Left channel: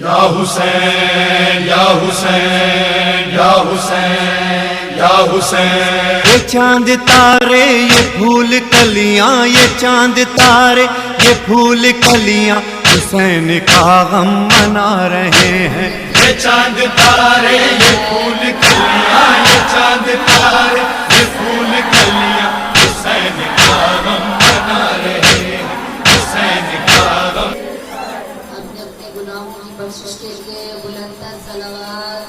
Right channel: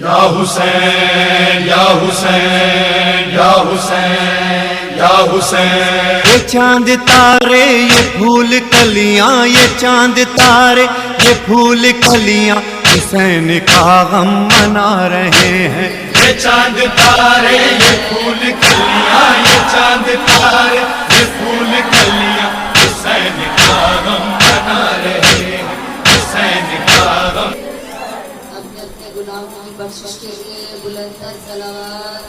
یا حسین یا حسین یا حسین یا حسین، یہ چاند تارے یہ پھول کلیاں، یہ چاند تارے یہ پھول کلیاں حسین کا غم منا رہے ہیں۔ یہ چاند تارے یہ پھول کلیاں، یہ چاند تارے یہ پھول کلیاں حسین کا غم منا رہے ہیں، حسین کا غم۔ اپنے اپنے گناہوں کی بخشش کے لیے بلند تر صلوات۔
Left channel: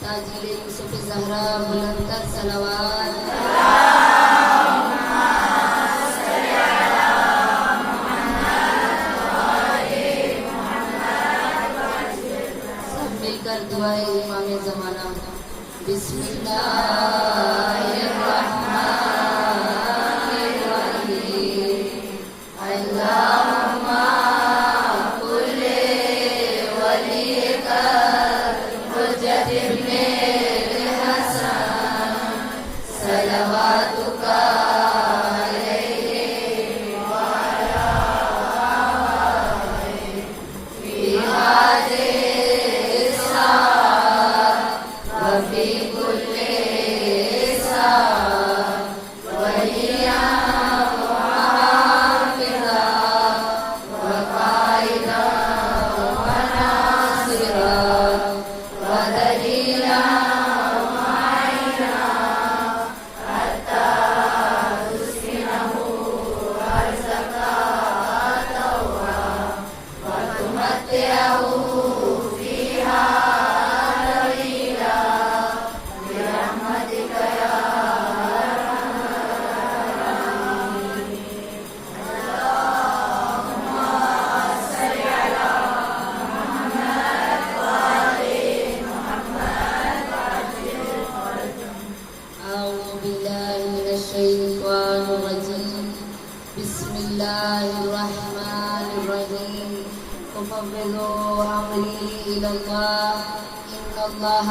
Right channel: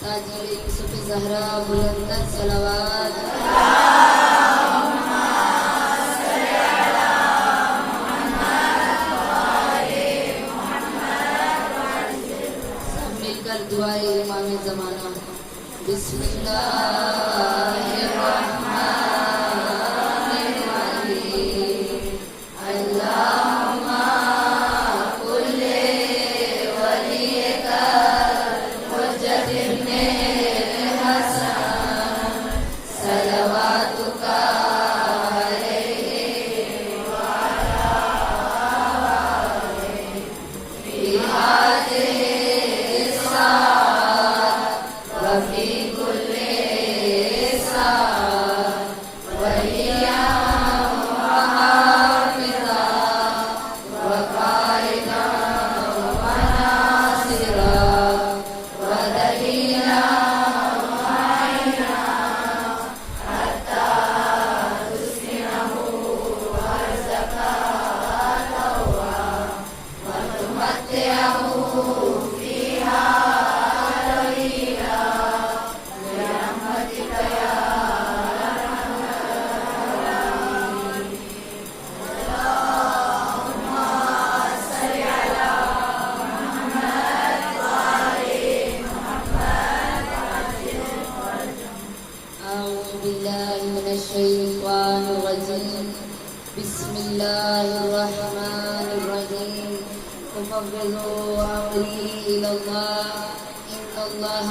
تاجر یوسف زہرا بلند تر صلوات۔ سب مل کر دعائے امام زمانہ۔ بسم اللہ الرحمن الرحیم، اللہم کل ولیک حجت ابن حسن صلواتک علیہ وعلی آلہ فی ہذہ الساعۃ وفی کل ساعۃ ولیہ وحافظا وقائدا وناصرا ودلیلا ومعینا حتی تسکنہ ارضک طوعا وتمتعہ فیہا طویلا برحمتک یا أعوذ بالله من الشيطان الرجيم. بسم الله الرحمن الرحيم. أفوض أمري إلى الله إن الله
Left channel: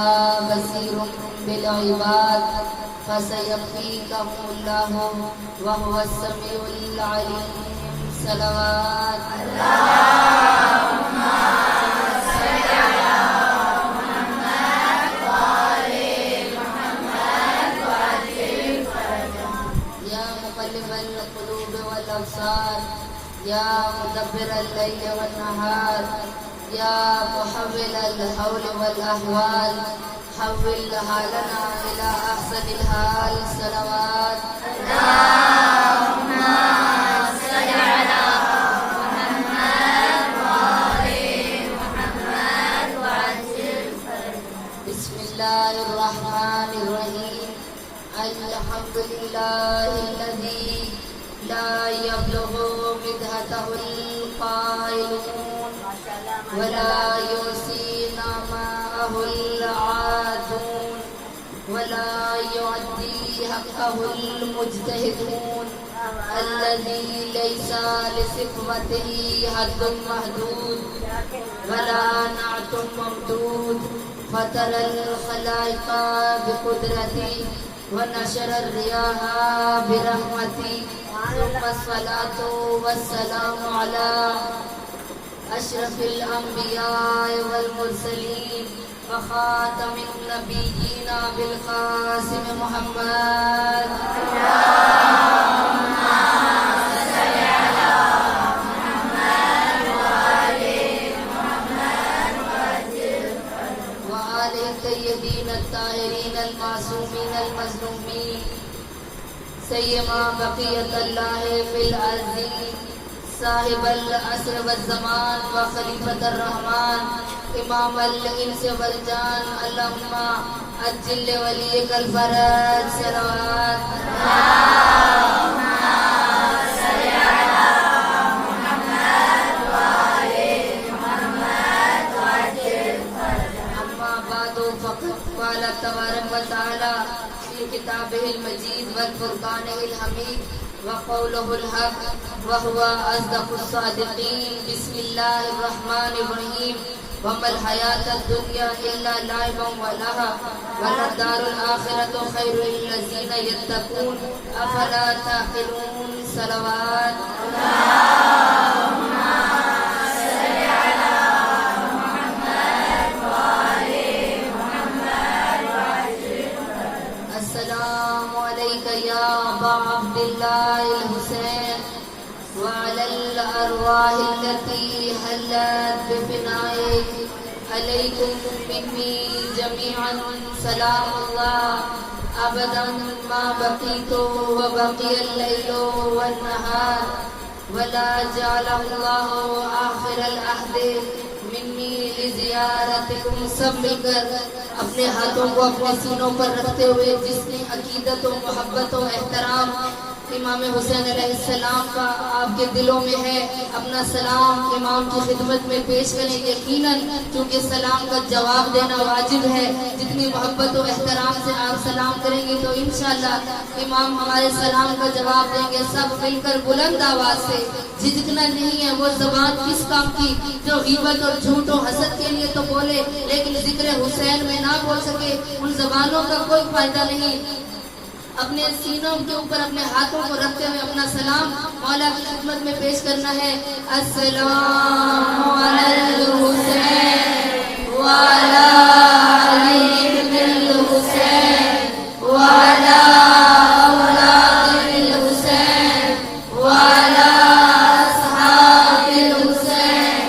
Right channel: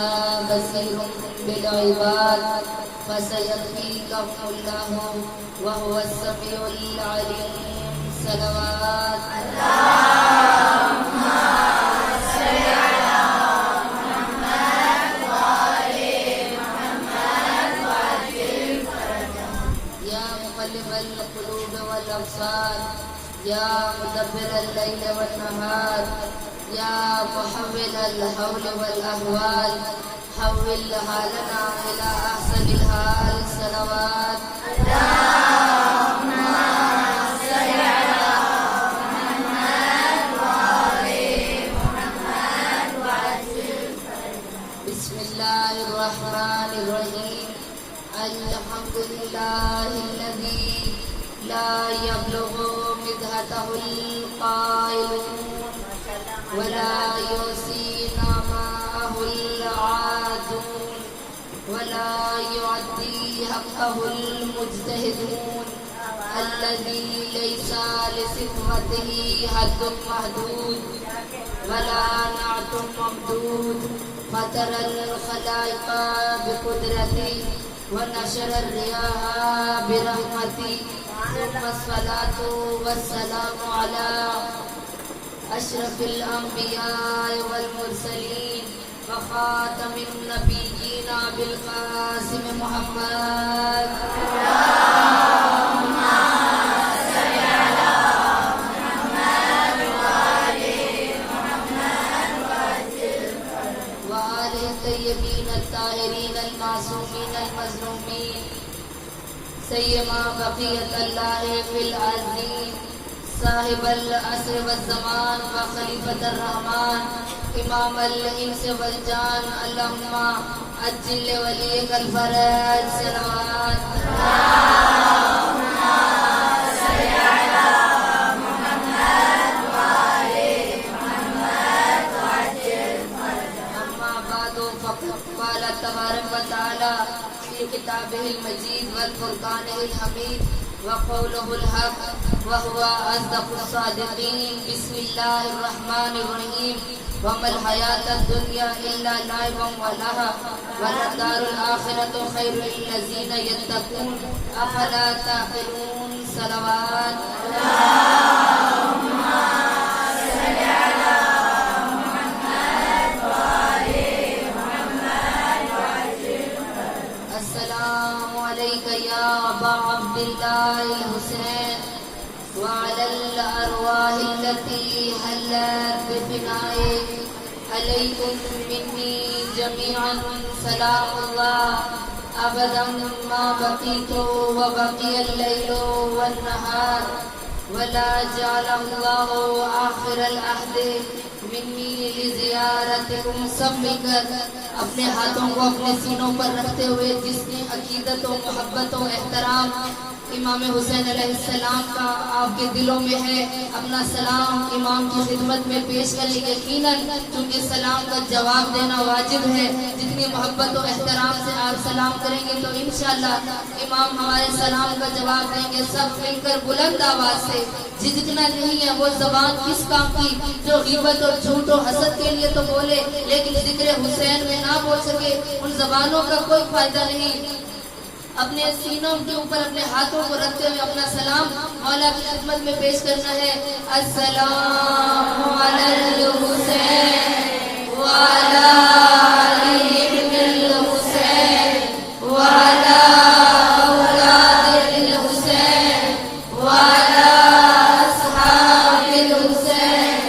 بصير بالعباد فسيكفيكهم الله وهو السميع العليم. صلوات يا مقلب القلوب والأبصار يا مدبر الليل والنهار يا محول الحول والأحوال حول حالنا إلى أحسن الحال. صلوات بسم الله الرحمن الرحيم. الحمد لله الذي لا يبلغ مدحته القائلون ولا يحصي نعماءه العادون ولا يعدي حقه المجتهدون الذي ليس لصفته حد محدود ولا نعت ممدود فترى الخلائق بقدرته ونشر الرياح برحمته ثم الصلاة والسلام على أشرف الأنبياء والمرسلين وخاتم النبيين بالقاسم محمد. وآله الطيبين الطاهرين المعصومين المظلومين سيما بقية الله في الأرضين صاحب العصر والزمان وخليفة الرحمن إمام الإنس والجان اللهم عجل لوليك الفرج. صلوات أما بعد فقد قال تبارك وتعالى في كتابه المجيد والفرقانه الحميد وقوله الحق وهو أصدق الصادقين. بسم الله الرحمن الرحيم. وما الحیات الدنیا الا لعب ولہو وللدار الآخرۃ خیر للذین یتقون افلا تعقلون صلوات السلام علیک یا ابا عبداللہ الحسین وعلى الأرواح التي حلت بفنائك عليكم مني جميعا سلام الله أبدا ما بقيت وبقي الليل والنهار ولا جعل الله آخر العهد منی لزیارتکم. سب مل کر اپنے ہاتھوں کو اپنے سینوں پر رکھتے ہوئے جس کی عقیدت و محبت و احترام امام حسین علیہ السلام کا آپ کے دلوں میں ہے، اپنا سلام امام کی خدمت میں پیش کریں. یقیناً چونکہ سلام کا جواب دینا واجب ہے، جتنی محبت و احترام سے آپ سلام کریں گے تو انشاءاللہ امام ہمارے سلام کا جواب دیں گے. سب مل کر بلند آواز سے، جھجکنا نہیں ہے. وہ زبان کس کام کی جو غیبت اور جھوٹ و حسد کے لیے تو بولے لیکن ذکر حسین میں نہ بول سکے، ان زبانوں کا کوئی فائدہ نہیں. اپنے سینوں کے اوپر اپنے ہاتھوں کو رکھتے ہوئے اپنا سلام مولا کی خدمت میں پیش کرنا ہے. السلام علی الحسین وعلی علی بن الحسین وعلی اولاد الحسین وعلی اصحاب الحسین.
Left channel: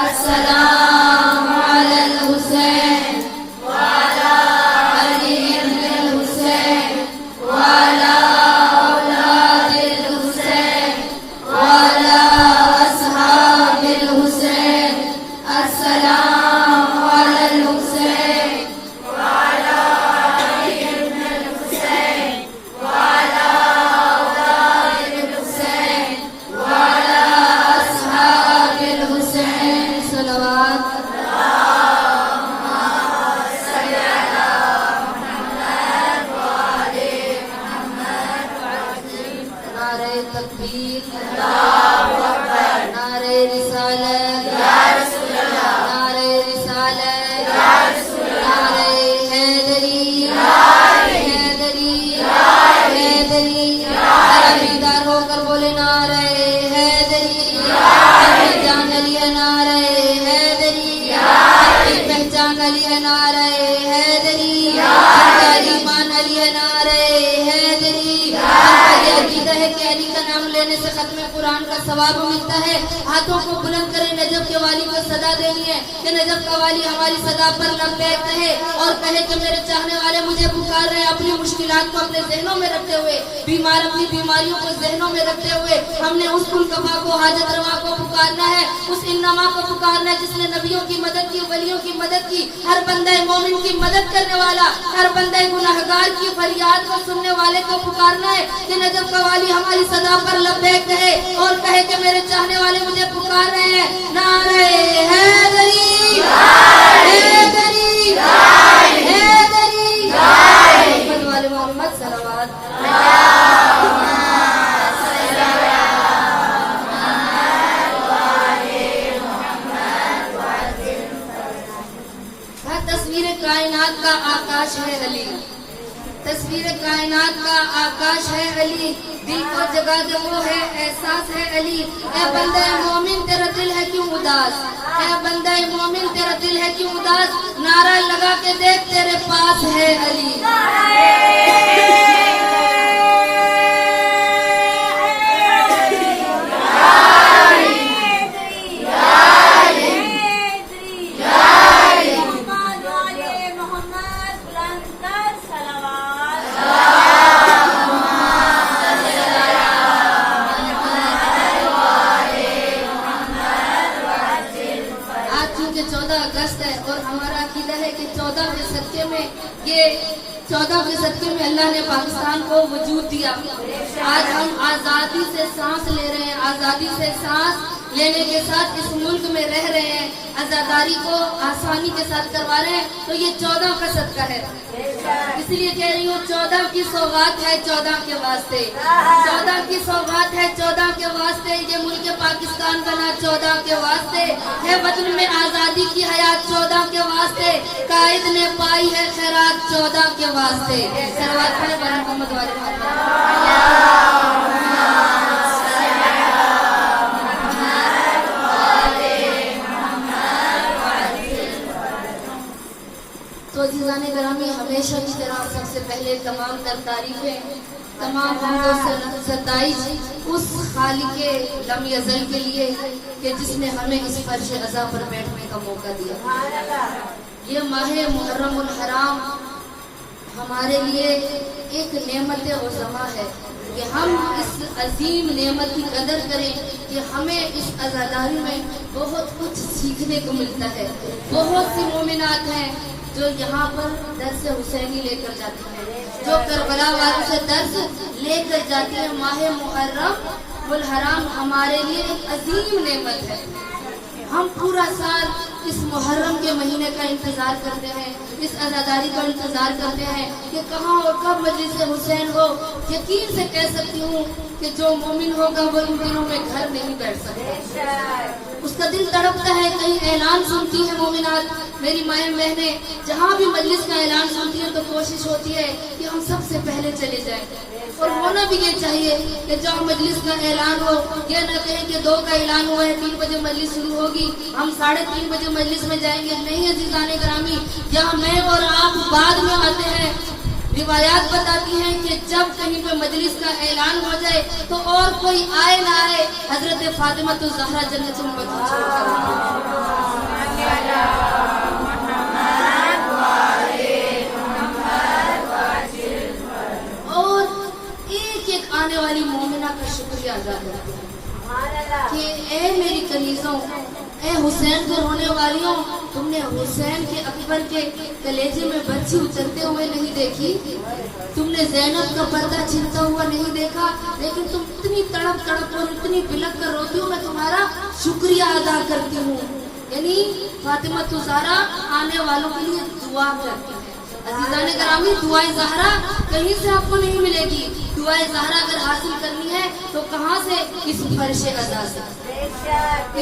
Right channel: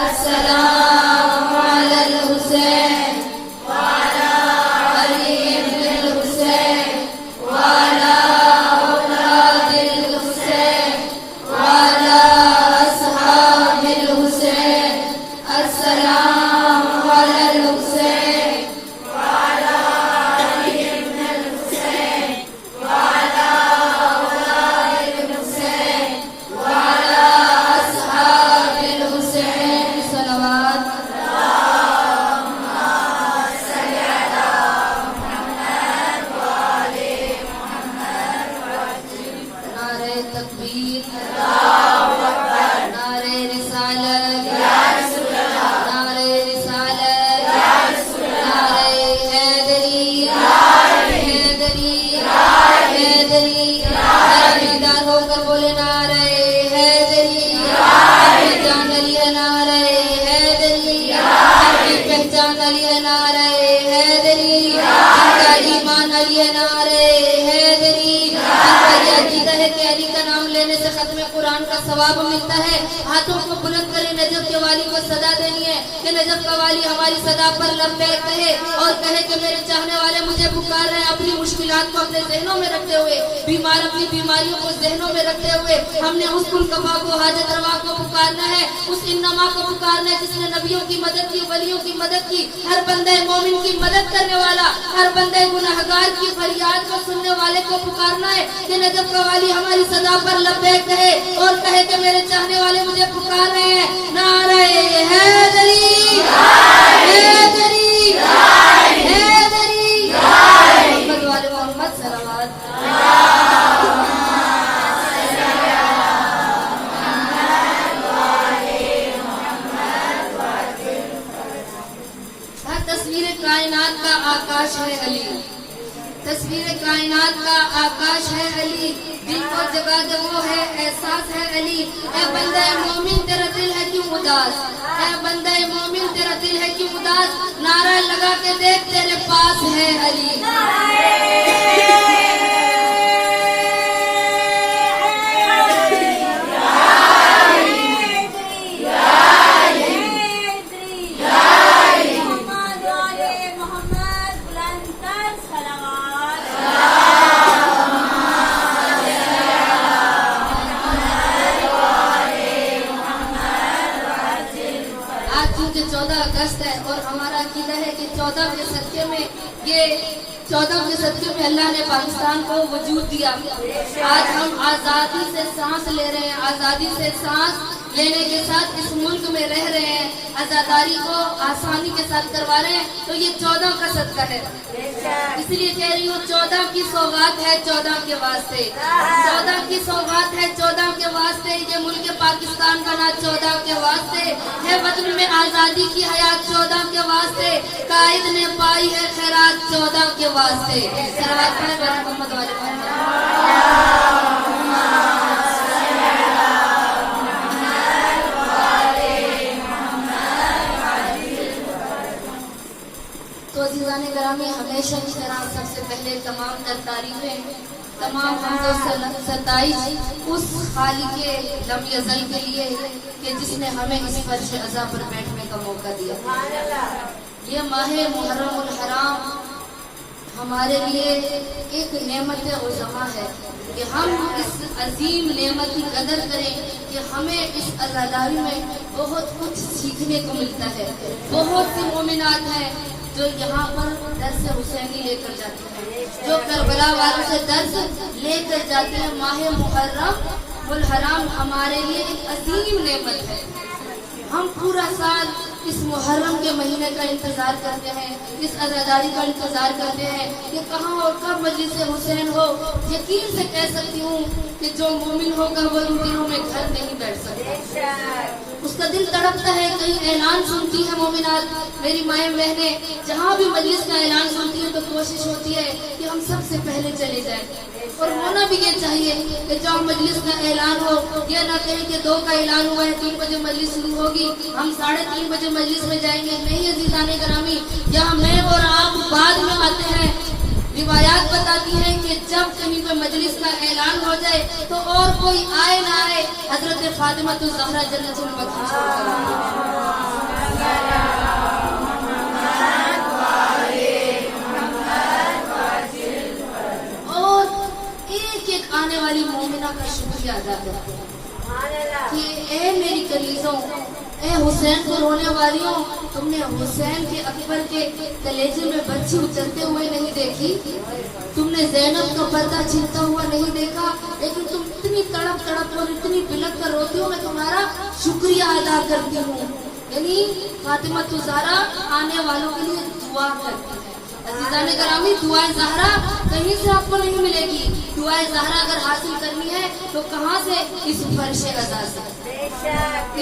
السلام علی الحسین وعلی علی بن الحسین وعلى أولاد الحسين وعلى أصحاب الحسين. السلام على الحسين وعلى علي بن الحسين وعلى أولاد الحسين وعلى أصحاب الحسين. صلوات تکبیر، نعرہ رسالت، نعرہ رسالت، نعرہ حیدری، حیدری، حیدری. بیدار ہو کر بولے نعرہ حیدری. پہچان علی نعرہ حیدری، پہچان علی نعرہ حیدری، ایمان علی نعرہ حیدری. یہ عقیدہ ہے کہ علی کا نام لینے سے ختم قرآن کا ثواب ملتا ہے. ہاتھوں کو بلند کرے، نجف کے والی کو صدا دینی ہے کہ نجف کا والی ہماری صدا پر لبیک کہے اور کہے کہ میرے چاہنے والے مجھے پکار رہے ہیں. اپنی مشکلات کو اپنے ذہنوں میں رکھتے ہوئے، بیمار اپنی بیماریوں کو ذہنوں میں رکھتے ہوئے ہم نے اس کل کفا کو، حاجت روا کو پکارنا ہے، اس انما کو پکارنا ہے جس نے نبیوں کی مدد کی، ولیوں کی مدد کی. ہر بندہ مومن کی مدد کرنے والا، ہر بندہ گناہگار کی فریاد کو سننے والے کو پکارنا ہے کہ نجف کا والی ہماری صدا پر لبیک کہے اور کہے کہ میرے چاہنے والے مجھے پکار رہے ہیں. نعرہ حیدری، حیدری، حیدری. محمد والے محمد صلوات. تصویر کائنات کا آکاش ہے علی، تصویر کائنات کا آکاش ہے علی. دل کو جگہ وہ ہے احساس ہے علی. اے بندہ مومن تیرا دل ہے کیوں اداس، اے بندہ مومن تیرا دل ہے کیوں اداس. نعرہ لگا کے دیکھ تیرے پاس ہے علی. اور ہمارا عقیدہ ہے کہ 14 کے صدقے میں، یہ 14 کے صدقے میں اللہ نے پاکستان کو وجود دیا. آج ہم آزادی سے سانس لے رہے ہیں، آزادی سے سانس لینے کے ساتھ اس ملک میں رہ رہے ہیں، آزاداری کو آسانی کے ساتھ کروا رہے ہیں. تو یہ 14 کا صدقہ ہے. اس لیے کہہ رہی ہوں 14 کی سوغات ہے 14 کے واسطے، 14 کی سوغات ہے 14 کے واسطے، یہ ملک پاکستان بنا 14 کے واسطے، ہے وطن میں آزادی کی حیات 14 کے واسطے، قائد نے پائی ہے خیرات 14 کے واسطے۔ صلوات پڑھیں محمد والے محمد۔ تو عزیزان گرامی، ہمیشہ کی طرح سب سے پہلے تمام تر تعریفیں، تمام حمد و ستائش اس خالق لم یزل کے لیے کہ جس نے ہمیں اس فرش عزا پر بیٹھنے کا موقع دیا۔ یہ ماہ محرم الحرام ہمارے لیے ایک نعمت عظما ہے کہ ہم اس عظیم نعمت کی قدر کریں کہ ہمیں اس عزاداری میں بہت کچھ سیکھنے کو ملتا ہے۔ بہت سی مومنات ہیں جو یہاں پر درس حسینی لے کر جاتی ہیں، جو کربلا والوں سے درس لے کر جاتی ہیں۔ ماہ محرم الحرام ہمارے لیے ایک عظیم نعمت ہے۔ ہم پورا سال اس محرم کے مہینے کا انتظار کرتے ہیں، اس عزاداری کا انتظار کرتے ہیں کہ کہاں اور کب مجلس حسین ہو۔ یقین سے کہہ سکتی ہوں کہ جو مومن ہوگا وہ ان دنوں میں گھر نہیں بیٹھ سکتا، اس کا دل تڑپتا ہے۔ کہیں اعلان سنتی ہے مومنات، میری مائیں بہنیں جہاں بھی مجلس کا اعلان سنتی ہیں تو کوشش ہوتی ہے کہ ہم سب سے پہلے چلے جائیں، اور ہونا بھی یہ چاہیے کہ جب مجلس کا اعلان ہو یہ نہ کہیں کہ 2 کا اعلان ہوا ہے 3 بجے مجلس شروع ہوگی ہم 3:30 بجے مجلس میں جائیں گے۔ نہیں عزیزان گرامی، یہاں میں اور آپ بعد میں آتے ہیں۔ روایات بتاتی ہیں کہ جب کہیں پہ مجلس کا اعلان ہو جائے تو اور کوئی آئے نہ آئے، حضرت فاطمہ الزہرا جنت البقیع اور ایک ایک آنے والی مومنہ کا شکریہ ادا کرتے ہیں کہ اے میری کنیزوں، اے حسین کو رونے والیوں، تم نے حسین کے اکبر کے کلیجے میں بچی اترتے ہوئے نہیں دیکھی، تم نے زینب کا پردہ چھلتا ہوا نہیں دیکھا، لیکن تم اتنی تڑپ تڑپ اور اتنی بلک کر روتی ہو، میں تمہارا شکریہ ادا کرتی ہوں۔ یعنی فاطمہ الزہرا آنے والوں کے لیے دعا کرتی ہے۔ عزیزان گرامی، دعائے زہرا کہیں سے آپ کو نہیں ملے گی۔ دعائے زہرا اگر حاصل کرنی ہے تو کہاں سے؟ اس فرش عزا سے۔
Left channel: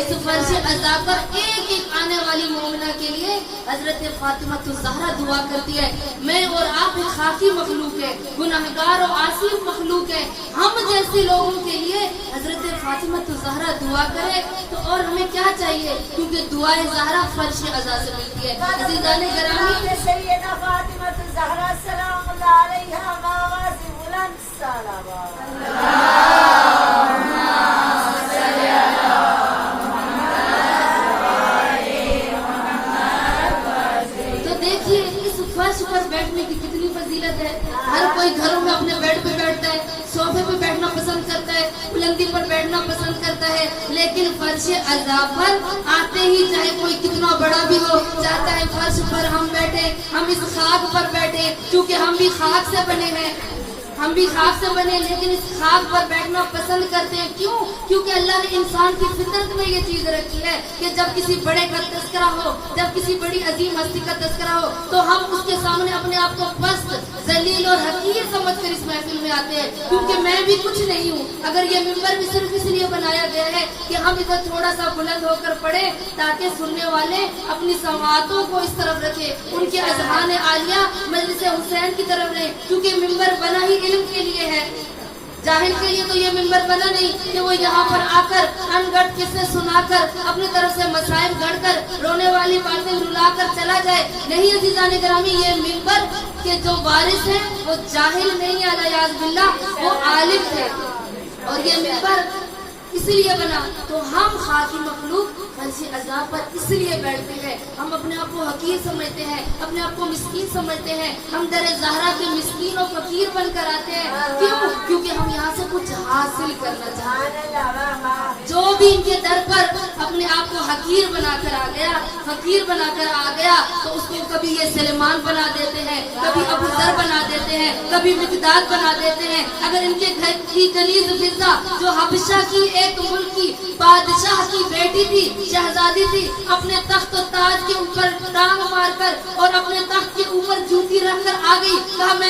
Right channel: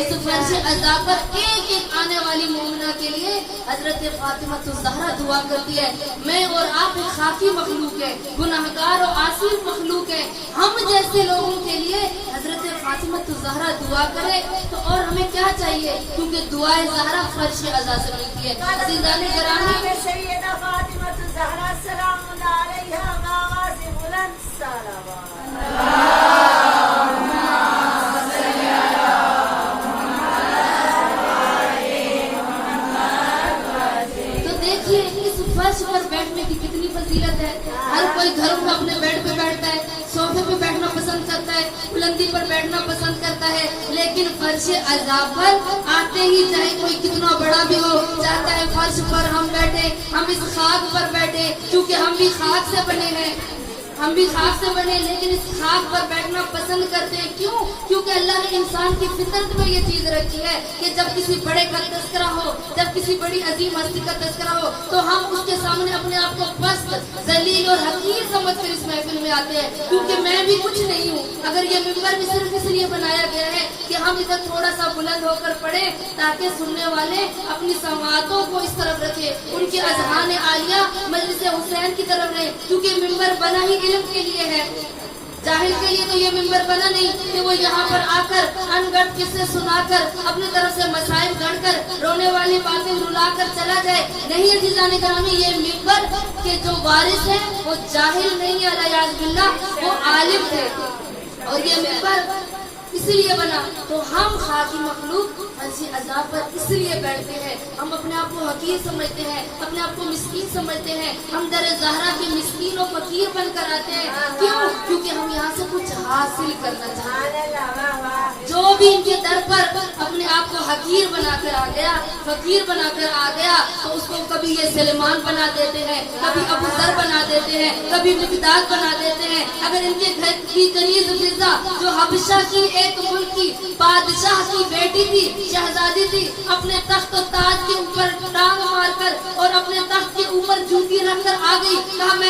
اس فرش عزا پر ایک ایک آنے والی مومنہ کے لیے حضرت فاطمہ الزہرا دعا کرتی ہے۔ میں اور آپ ایک خاکی مخلوق ہے، گناہگار اور عاصی مخلوق ہے، ہم جیسے لوگوں کے لیے حضرت فاطمہ الزہرا دعا کرے تو اور ہمیں کیا چاہیے؟ کیونکہ دعائے زہرا فرش عزا سے ملتی ہے۔ عزیزان گرامی، سیدہ فاطمہ الزہرا سلام اللہ علیہا آواز بلند صلوات۔ فرش پر بیٹھنے کی کتنی فضیلت ہے۔ ہر کوئی گھروں میں اپنے بیڈ پہ بیٹھتا ہے، صوفے پہ بیٹھنا پسند کرتا ہے، بلندی پر بیٹھنا پسند کرتا ہے، لیکن فرش عزا پر آتے ہی چاہے کوئی کتنا بڑا بھی ہو چاہتا ہے فرش پر ہم بیٹھے، ہم اس خاک پر بیٹھے، کیونکہ ہم بھی خاک سے بنے ہیں، ہم بھی خاک سے بنے، لیکن اس خاک پر بیٹھنا پسند کرتے ہیں۔ کیوں؟ کیونکہ اللہ نے انسان کی فطرت میں یہ چیز رکھی ہے کہ جب کسی بڑے کا تذکرہ ہو، جب کسی بڑی عظیم ہستی کا تذکرہ ہو تو ہم اس کے سامنے اپنے آپ کو پست، ذلیل اور حقیر سمجھ کر اس محفل میں آتے ہیں، کیونکہ میں بھی کچھ نہیں ہوں۔ اگر یہ ممبر بھی صرف اس لیے بنایا گیا ہے کہ ہم ادھر تھوڑا سا بلند ہو کر پڑھیں تاکہ سننے والے اپنی سماعتوں کو اس طرف رکھیں، ان کے اذہان عالیہ مجلس حسین کی طرف رہیں، کیونکہ ممبر بنا ہی علم کے لیے ہے۔ جاہل کے لیے تو یہ ممبر بنا نہیں کہ وہ یہاں پر آ کر ان گڑھ قصے سنا کر اپنی طرف سے مسائل گڑھ کر رونے والی باتیں رلا کر چلا جائے۔ نہیں عزیزان گرامی، یہ ممبر کے جو وارث ہیں وہ جاہل نہیں، الیاذ باللہ وہ عالم تھے، اور یہ ممبر اس لیے بنا تو ہم خاکی مخلوق فرش عزا پر اس لیے بیٹھتے ہیں۔ ہم اپنے آپ کو حقیر سمجھتے ہیں، اپنے آپ کو مسکین سمجھتے ہیں، ہم در زہرا کے مسکین و فقیر بن کر آتے ہیں۔ کیوں؟ کیونکہ ہم یہاں سے کچھ حاصل کرنا چاہتے ہیں۔ جو بھی ان کے در پر اپنے آپ کو حقیر بنا کر آ گیا، فقیر بنا کر آ گیا، تو اس کو کبھی یہ سلیمان بنا دیتے ہیں، کبھی ابو ذر بنا دیتے ہیں، کبھی مقداد بنا دیتے ہیں۔ اگر ان کے گھر کی کنیز فضہ جو حبشہ کی ایک ملک کی بادشاہ کی بیٹی تھی، شہزادی تھی، اپنے تخت و تاج کے اوپر ٹانگ مار کر اور اپنے تخت کے اوپر جوتی رکھ کر آ گئی، کہا میں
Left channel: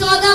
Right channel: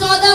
14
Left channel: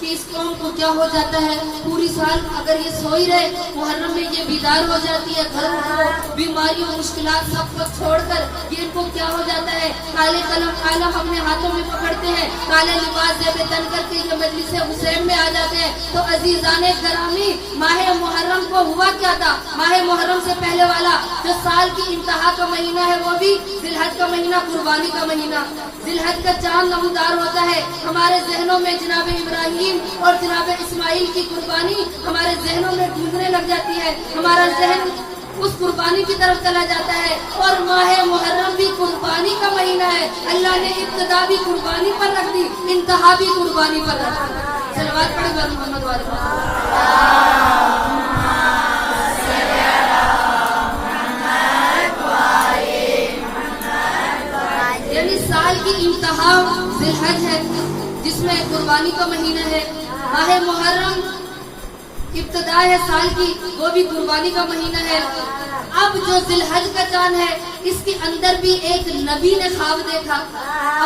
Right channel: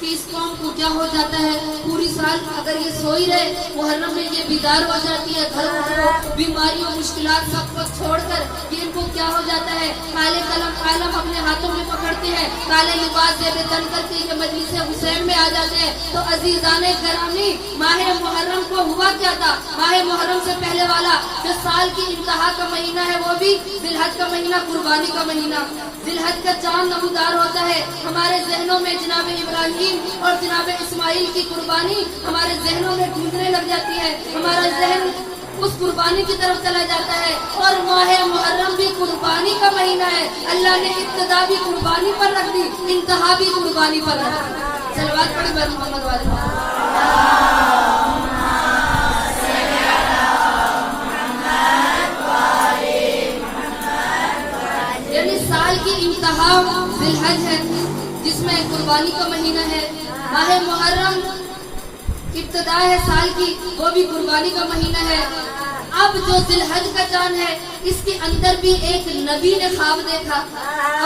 کہ اس قوم کو کیا ہو جاتا ہے، پوری سال اگر یہ سوئی رہے، محرم میں یہ بیدار ہو جاتی ہے، گھروں کو بیماریوں مشکلات سب کو چھوڑ کر یہ ان کو کیا ہو جاتا ہے، کالے قلم اپنے ہاتھوں میں پکڑتے ہیں، کالے لباس زیب تن کر کے یہ مجلس حسین میں آ جاتے ہیں۔ تو عزیزان گرامی، ماہ محرم کو ہوا کیا تھا؟ ماہ محرم سے پہلے والا جو سال کی انتہا کا مہینہ ہے وہ بھی ذی الحج کا مہینہ، قربانی کا مہینہ، ذی الحج کا چاند نمودار ہوتا ہے۔ ہمارے ذہنوں میں جناب ابراہیم اور جناب اسماعیل کی قربانی ہمارے ذہنوں میں گونجنے لگ جاتی ہے، ہمارا ذہن اس قربانی کی طرف چلا جاتا ہے۔ اور ماہ محرم بھی قربانی کا مہینہ ہے، اللہ نے ابتدا بھی قربانی پر رکھ دی، انتہا بھی قربانی پر رکھ دی۔ صلوات پڑھیں بر محمد والے یعنی سال کی انتہا ذی الحج ہے جس میں قربانی کا مہینہ ہے، ماہ محرم ابتدا ہے سال کی، وہ بھی قربانی کا مہینہ ہے۔ اب جو ذی الحج کا چاند ہے اس کے اندر بھی ایک نبی نے خواب دیکھا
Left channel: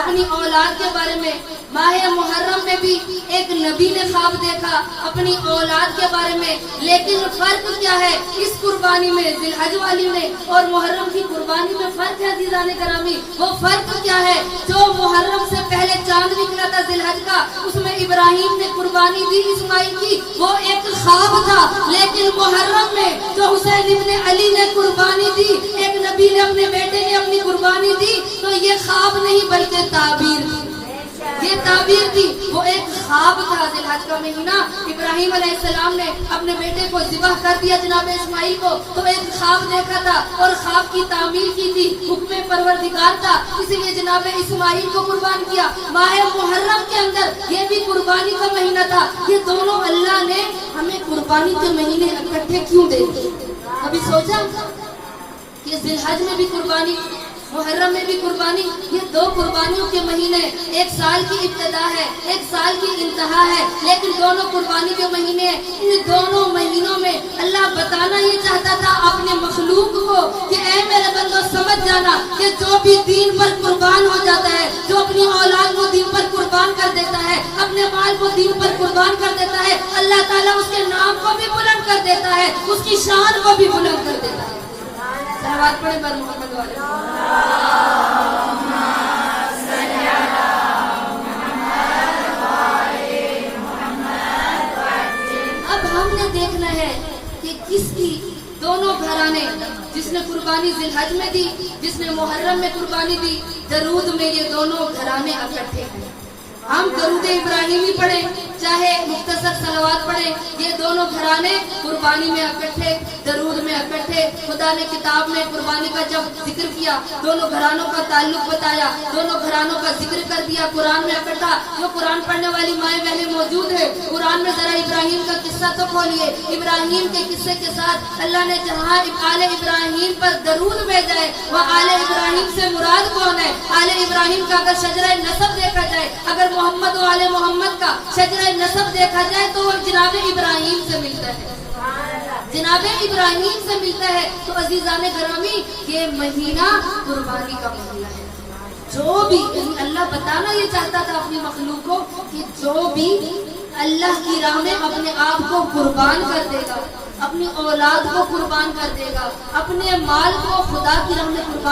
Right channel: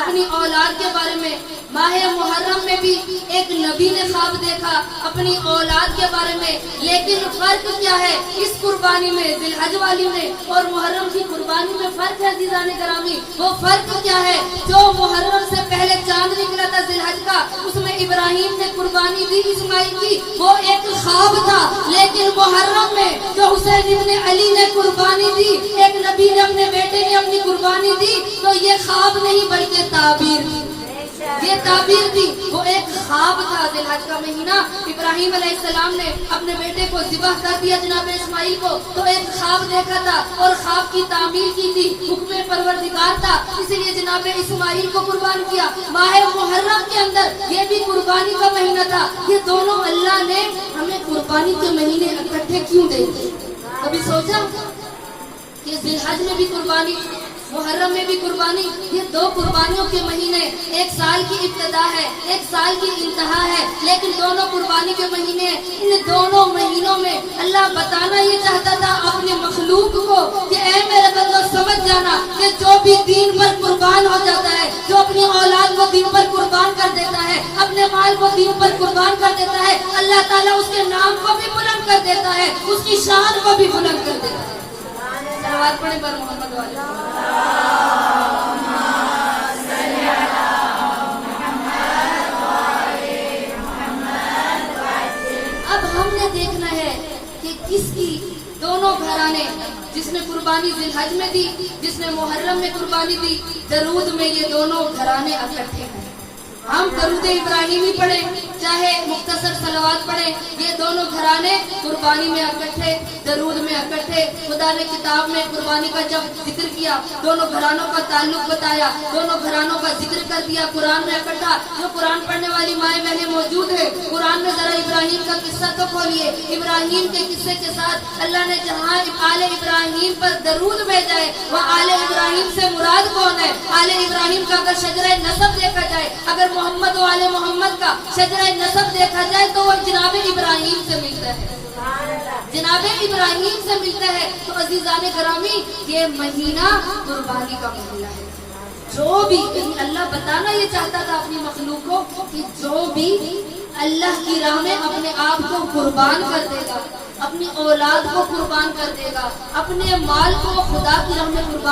اپنی اولاد کے بارے میں، ماہ محرم میں بھی ایک نبی نے خواب دیکھا اپنی اولاد کے بارے میں، لیکن فرق کیا ہے اس قربانی میں، ذی الحج والی میں اور محرم کی قربانی میں فرق ہے عزیزان گرامی۔ وہ فرق کیا ہے؟ جو محرم سے پہلے چاند نکلا تھا ذی الحج کا، اس میں ابراہیم نے قربانی دی اسماعیل کی، وہ ایک خواب تھا، لیکن محرم میں جو حسین ابن علی نے قربانی دی، ایک نبی نے اپنے بیٹے نے اپنی قربانی دی، تو یہ خواب نہیں بلکہ تعبیر تھی، یہ تعبیر تھی، وہ ایک خواب تھا۔ ذی الحج کا مہینہ ابراہیم علیہ السلام نے اپنے بیٹے کو ذبح کر دیا جناب اسماعیل کو، تو ایک خواب دیکھا تھا اور خواب کی تعمیل کی تھی، حکم پروردگار تھا، اس لیے جناب اسماعیل کو قربان کیا۔ ماہ محرم کے اندر یہ بھی قربانی کا مہینہ تھا۔ یہ دونوں اللہ نے ہمیں قربانی کے مہینے اکٹھے کیوں دے دیے؟ کبھی سوچا کہ ذی الحج میں بھی قربانی، محرم میں بھی قربانی، یہ دو قربانیوں کے مہینے، ایک سال کی ابتدا ہے، ایک سال کی انتہا ہے، لیکن دونوں قربانی کے مہینے ہیں۔ ان دونوں مہینوں میں اللہ بتانا یہ چاہتا تھا اپنے مخلوق کو کہ اے میرے بندو سمجھ جانا کہ جو بھی دین پر قربان ہو جاتا ہے، جو اپنی اولاد کو دین پر قربان کر دیتا ہے، اپنے مال کو دین پر قربان کر دیتا ہے، اللہ تعالیٰ اس کے نام کو بھی بلند کر دیتا ہے، اس کی شان کو بھی بلند کر دیتا ہے۔ صلوات پڑھیں بر محمد والے۔ اب ہم نے دیکھنا ہے کہ کس کی دونوں گھرانے، جس نے قربانی ذی الحج میں دی، جس نے محرم میں قربانی دی، درود میں یہ دونوں گھرانے اکٹھے ہیں۔ ہم درود ابراہیمی پڑھیں چاہے مختصر صلوات پڑھیں، یہ دونوں گھرانے قربانی میں اکٹھے، درود میں اکٹھے۔ خدا نے کتاب میں قربانی کا جب ذکر کیا، دونوں گھرانوں کا تعلق بتایا، دونوں گھرانوں کا ذکر کر دیا، قرآن میں اکٹھا۔ جو قرآن پڑھنے والی مائیں بہنیں موجود ہیں، قرآن میں ذرا ابراہیم کا قصہ تو کھولیے۔ ابراہیم کے قصے کے ساتھ اللہ نے جہاں آل ابراہیم پر درود بھیجا ہے، وہ آل ابراہیم سے مراد کون ہے؟ آل ابراہیم کا اگر شجرہ نسب دیکھا جائے، اگر محمد و آل محمد کا شجرہ نسب دیکھا جائے تو وہ جناب ابراہیم سے ملتا ہے، جناب ابراہیم سے ملتا ہے۔ تو عزیزان گرامی، یہ مہینہ قربانی کا مہینہ ہے۔ جو بھی اللہ بتانا یہ چاہتا تھا اپنی مخلوق کو کہ جو بھی اللہ کی راہ میں اپنے آپ کو قربان کر دے گا، اپنی اولاد کو قربان کر دے گا، اپنے مال کو خدا کی راہ میں قربان